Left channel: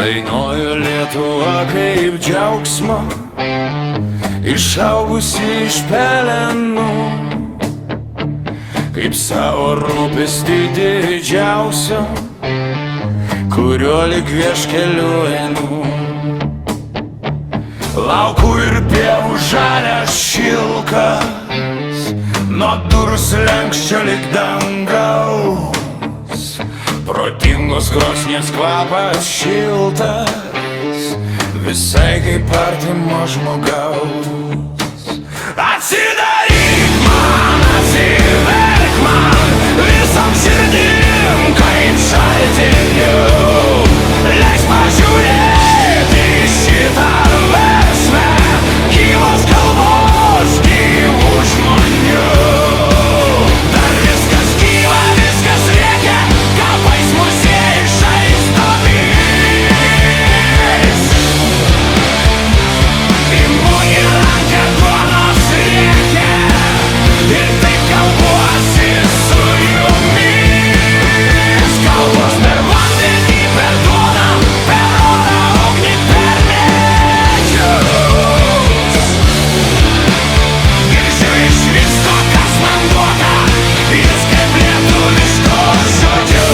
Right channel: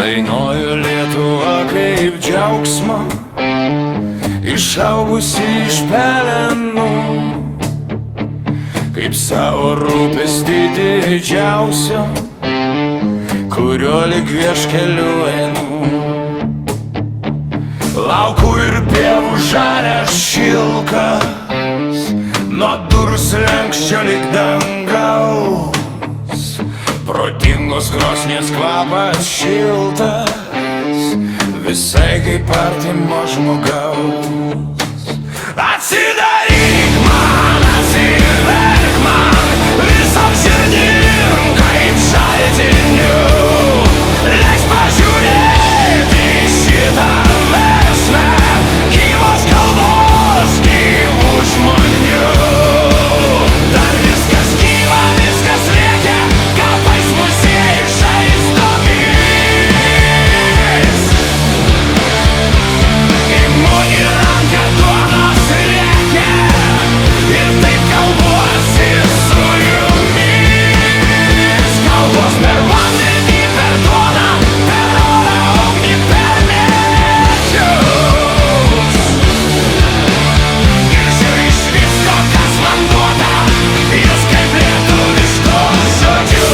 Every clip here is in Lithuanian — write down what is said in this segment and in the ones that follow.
Dainuoju Lietuvą kaip džiaugsmą, išaugusi iš pelenų, kaip savo rūpestį didžiausio, kurio lyg vieškeliu einu. Laukų ir pievų žalias šilkas, nuo durų slenksčio lyg dangaus, protingos krosnies kvapas šiltas, visai kaip artimo žmogaus. Atsidaryk man, atsiverk man, visom širdim kaip šaltiniu, leis pažiūrėti šitą versmę, gyvos kalbos, gyvų žmonių. Dar viskas gyva, viskas rėkia, kapais muziejai žaizdomis. Imu į ranką duonos rėkia ir taip kalbuosi su jumis. Kalbos per vandenį, per duoną, per orą, ugnį, per medžius. Girdžiu iš visko, kas man duota, jūs kaip lietuviškus žodžius.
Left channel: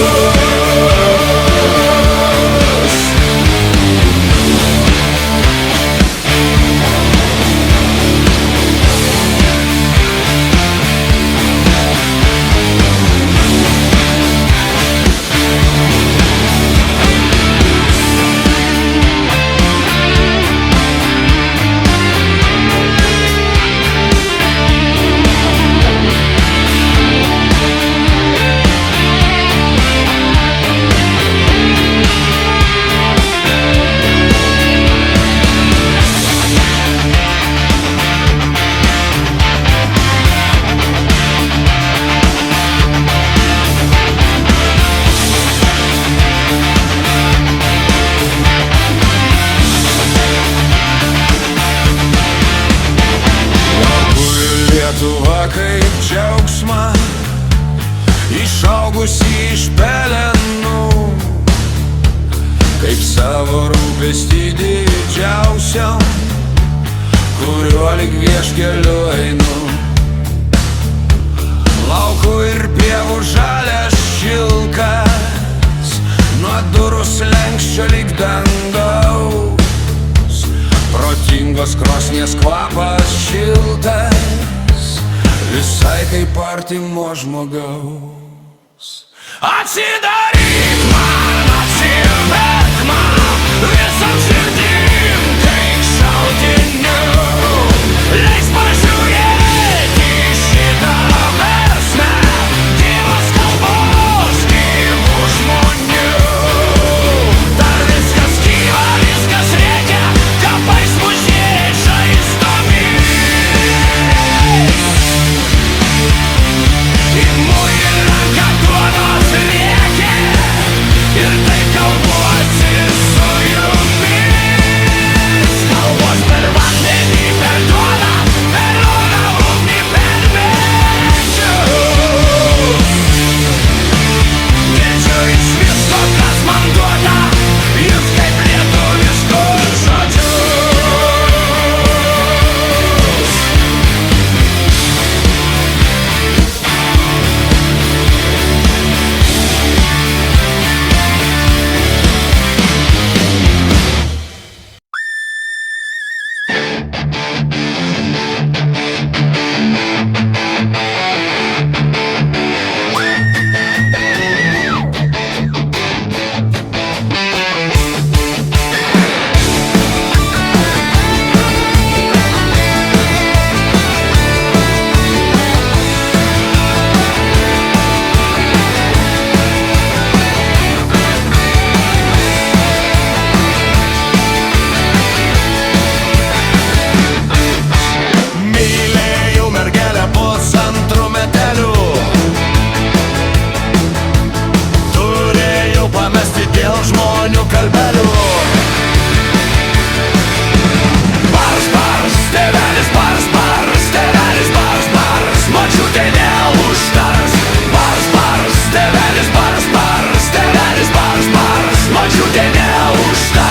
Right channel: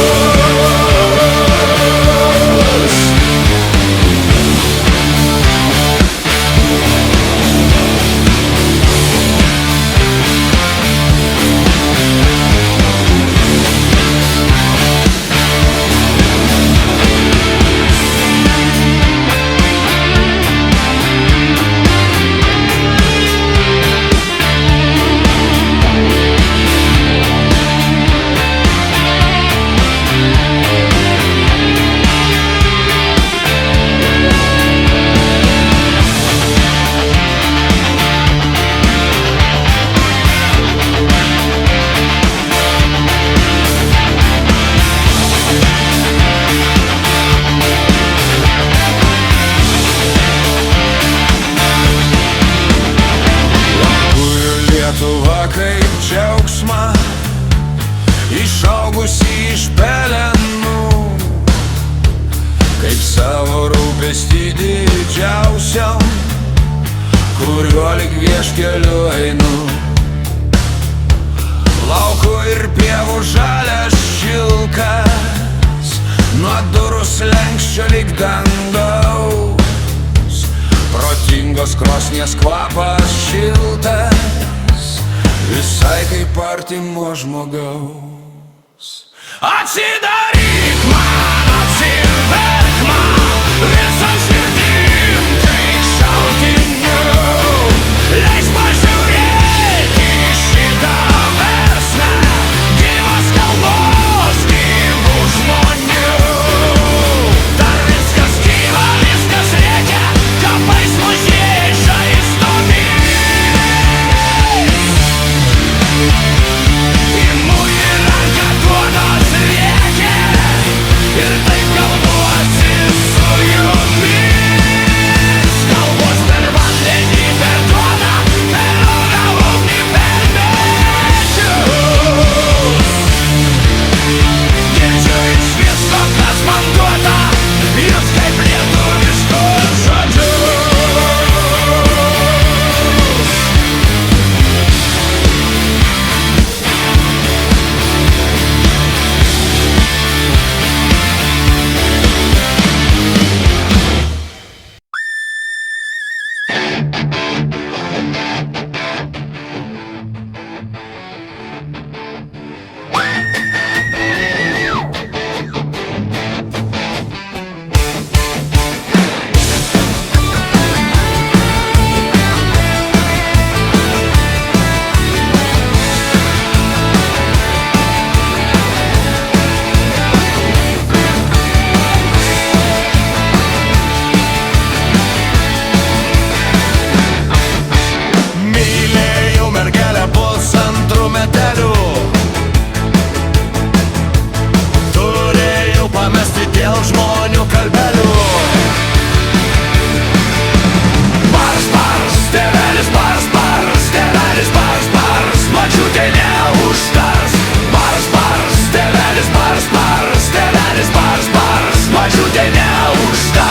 Lietuva kaip džiaugsmą, išaugusi iš pelenų, kaip savo rūpestį didžiausiam, kuriuo lyg vieškeliu einu. Laukų ir pievų žalias šilkas, nuo durų slenksčio lyg dangaus, protingos krosnies kvapas šiltas, visai kaip artimo žmogaus. Atsidaryk man, atsiverk man, visom širdim kaip šaltiniu, leis pažiūrėti šitą versmę, gyvos kalbos, gyvų žmonių. Dar viskas gyva, viskas rėkia, kapais muziejai žaizdomis. Imu į ranką duonos rėkia ir taip kalbuosi su jumis. Kalbos per vandenį, per duoną, per orą, ugnį, per medžius. Girdžiu iš visko, kas man duota, jūs kaip lietuviškus žodžius. Dėl žmonių kalbelių. Bars, bars, tėvelis, bars, bars, tėvelis, bars, bars, močiutė neužtars. Bars, bars, tėvelis, bars, bars, tėvelis, bars, bars, močiutė neužtars.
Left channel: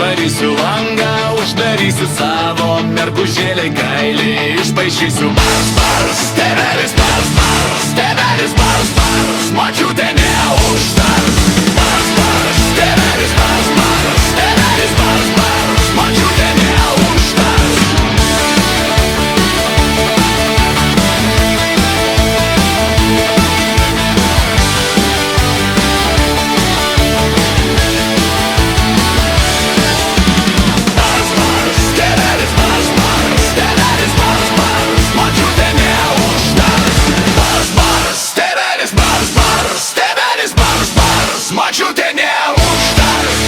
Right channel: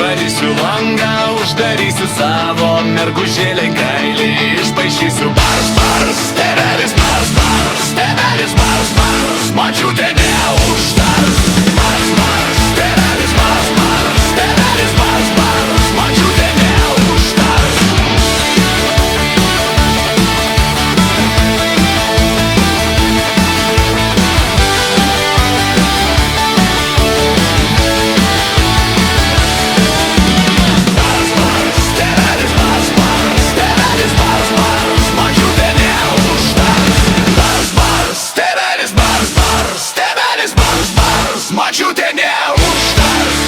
išvarysiu langą, uždarysiu savo mergužėlį kailį, išpaišysiu bars, bars, tėvelis bars, bars, tėvelis bars, bars, močiutė neužtars. Bars, bars, tėvelis bars, bars, tėvelis bars, bars, močiutė neužtars. Močiutė neužtars.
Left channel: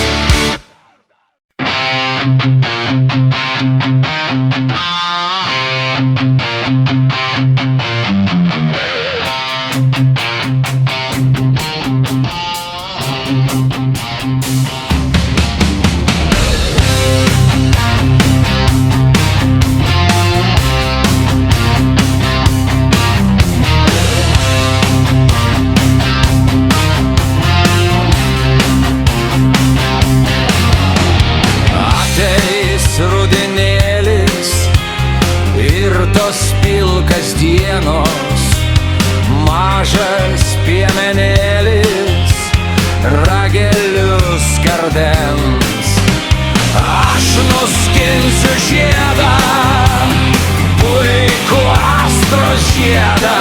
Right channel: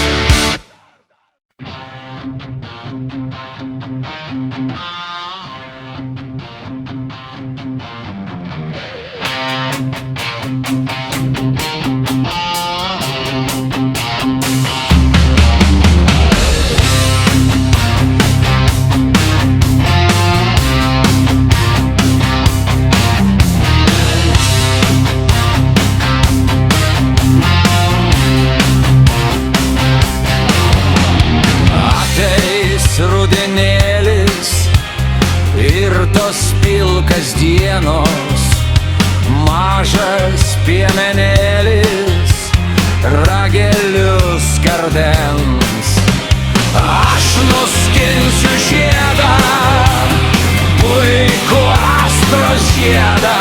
Rudenėlis ir tos pilkas dienos, mažas piemenėlis ragelius kardens. Aš nuskinsiu žiedą, puikų astros žiedą,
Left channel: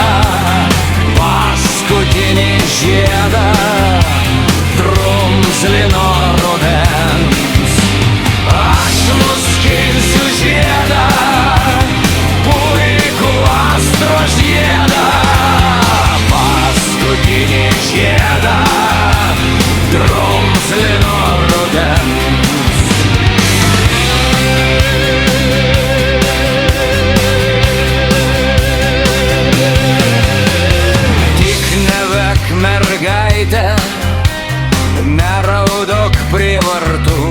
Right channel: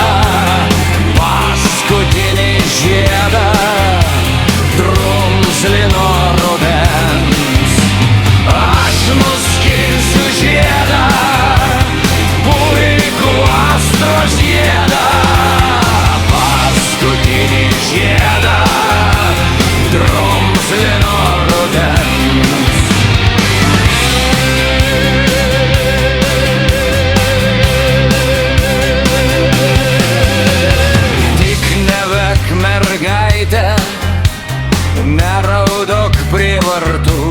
paskutinį žiedą drumzlino rudens. Aš nuskinsiu žiedą, puikų astros žiedą, paskutinį žiedą drumzlino rudens. Tik nevek mergaitę, neraudok prievartų,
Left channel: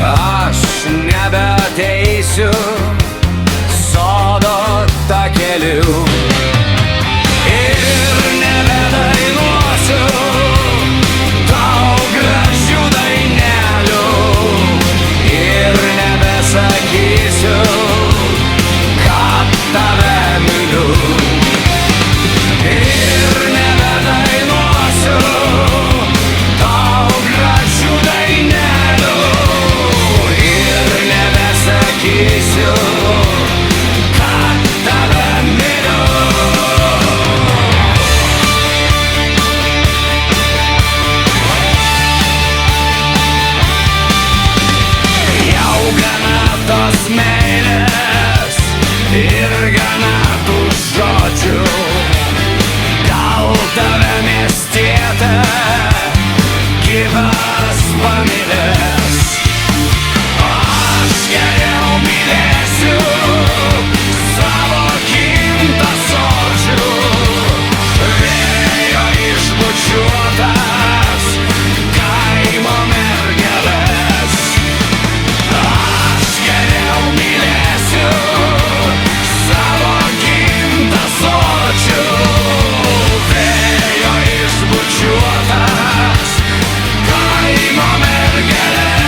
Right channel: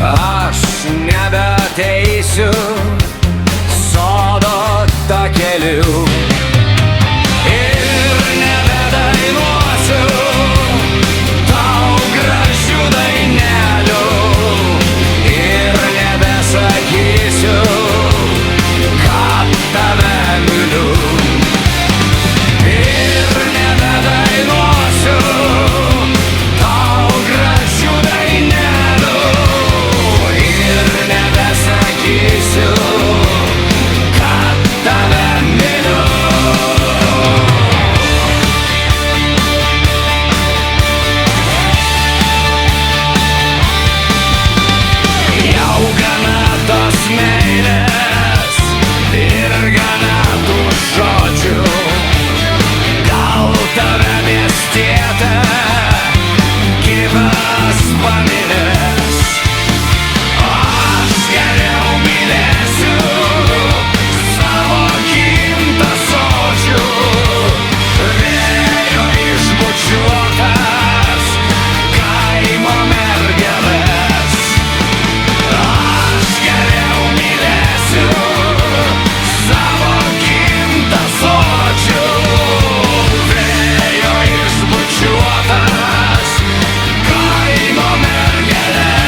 aš nebeateisiu sodo takeliu ir nebedainuosiu tau gražių dainelių ir nebesakysiu, kad tave myliu. Ir nebedainuosiu tau gražių dainelių ir nebesakysiu, kad tave myliu. Jau gana tos meilės ir gana tų žodžių, gal tave miestietė kitas pamylės. Aš geriau mylėsiu savo gimtą sodžių, vėjo išbučiuotas kaimo mergeles. Aš geriau mylėsiu savo gimtą sodžių, vėjo išbučiuotas kaimo mergeles.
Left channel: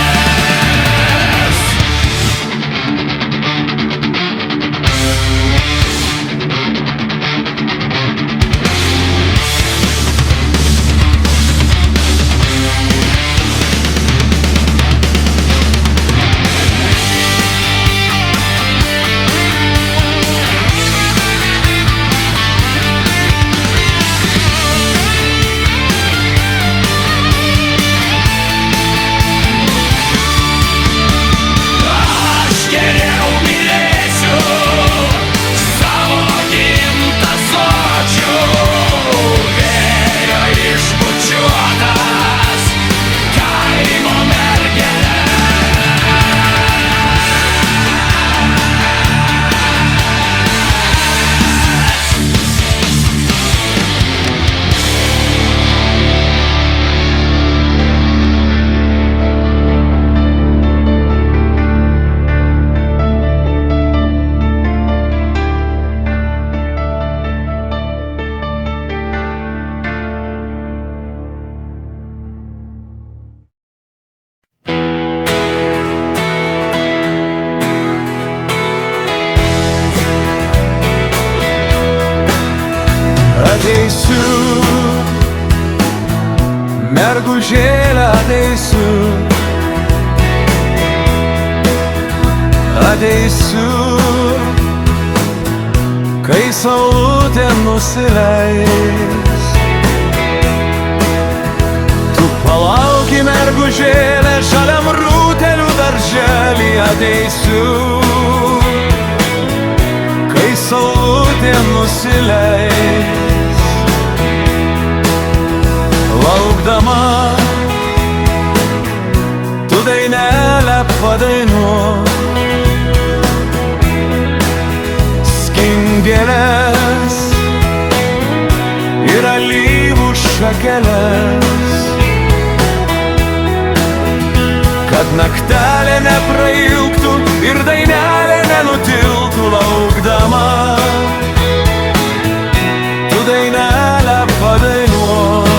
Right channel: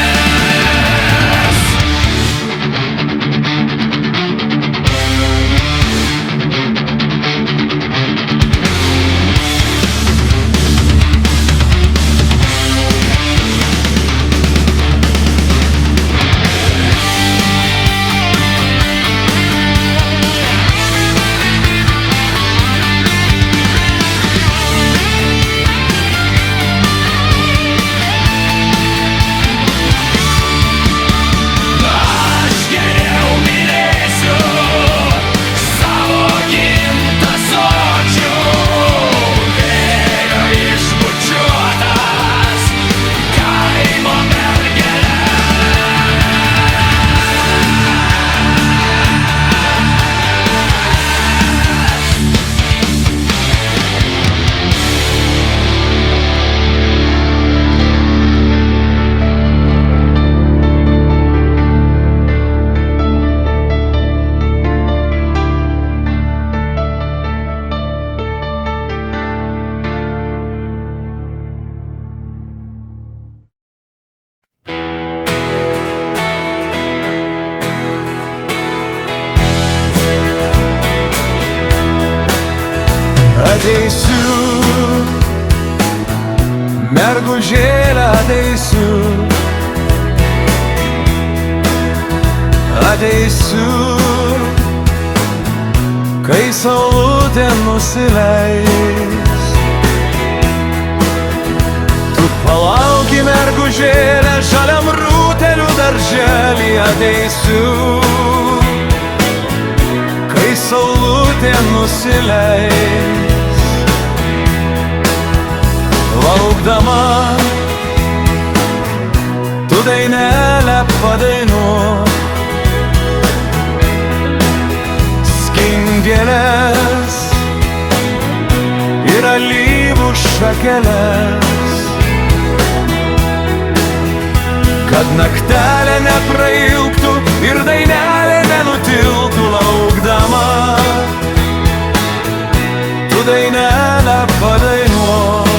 Ateisiu, mergužėlė, ateisiu, ateisiu, kai saulutė nusileis. Tu palauki, mergužėlė, žaliam rūtelių darželį, ateisiu, kai saulutė nusileis. Laukdama, tu dainelę padainuok, skindėlės ir alyvų šakeles, kad naktelė neprailgtų ir dainelė nenutiltų. Laukdama, tu dainelę padainuok.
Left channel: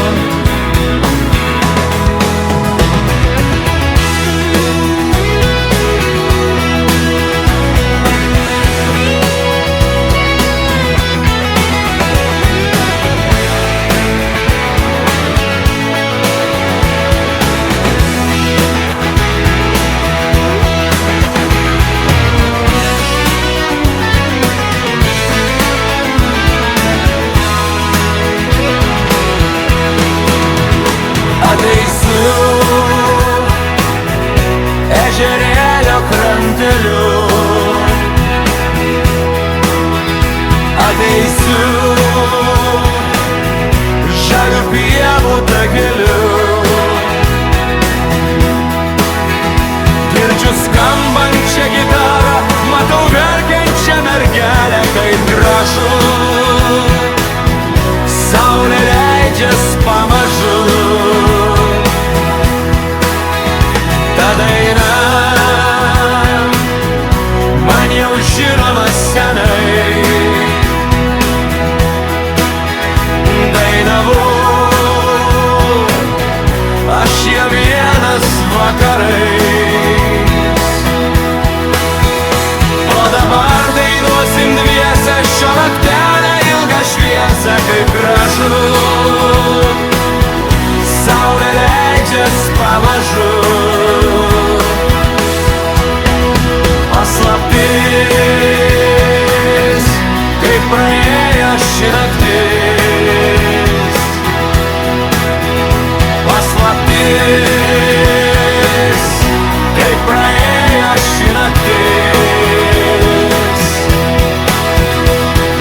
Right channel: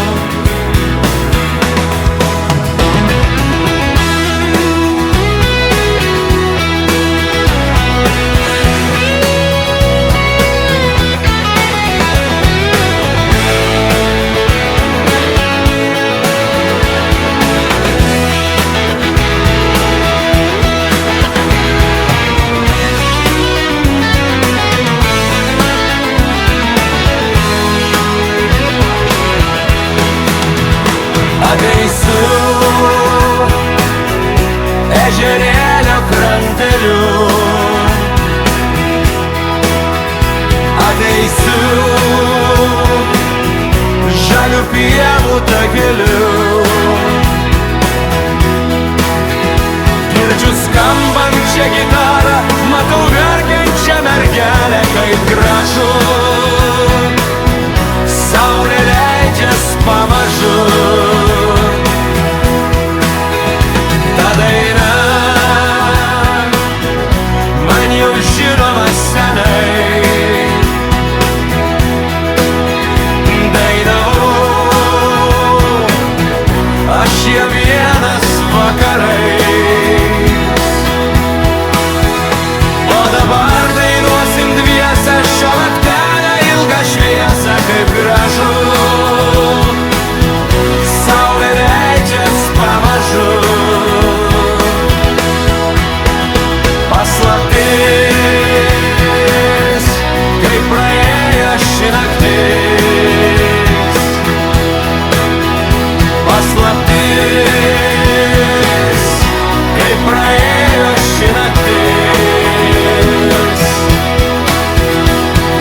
Ateisiu ežerėlio kranteliu, ateisiu žalių pievų takeliu. Girdžiu skambančią gitarą, matau verkiančią mergelę, kaip gražu saulė leidžias pamažu. Ta daina man jau žinoma senai, dainavau aš ją vienas vakarais. O dabar dainuosim dviese šio naktelę ilgą šviesą, kaip gražu saulė leidžias pamažu. Paslaptis, kaip praėjo ši naktis, paslaptis, kaip praėjo ši naktis.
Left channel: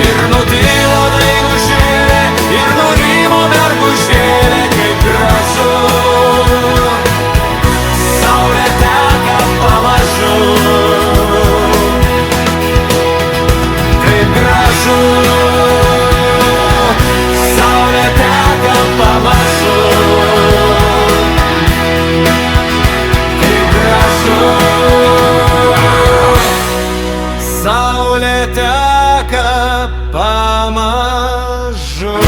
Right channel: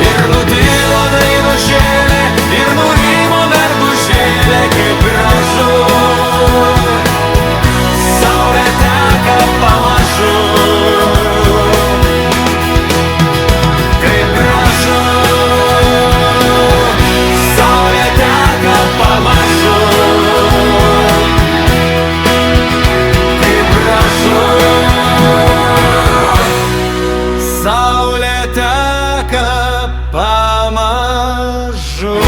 Ir nutilo dainužėlė, ir nurimo mergužėlė, kaip gražu saulė teka pamažu. Kaip gražu saulė teka pamažu. Kaip gražu saulė teka pamažu.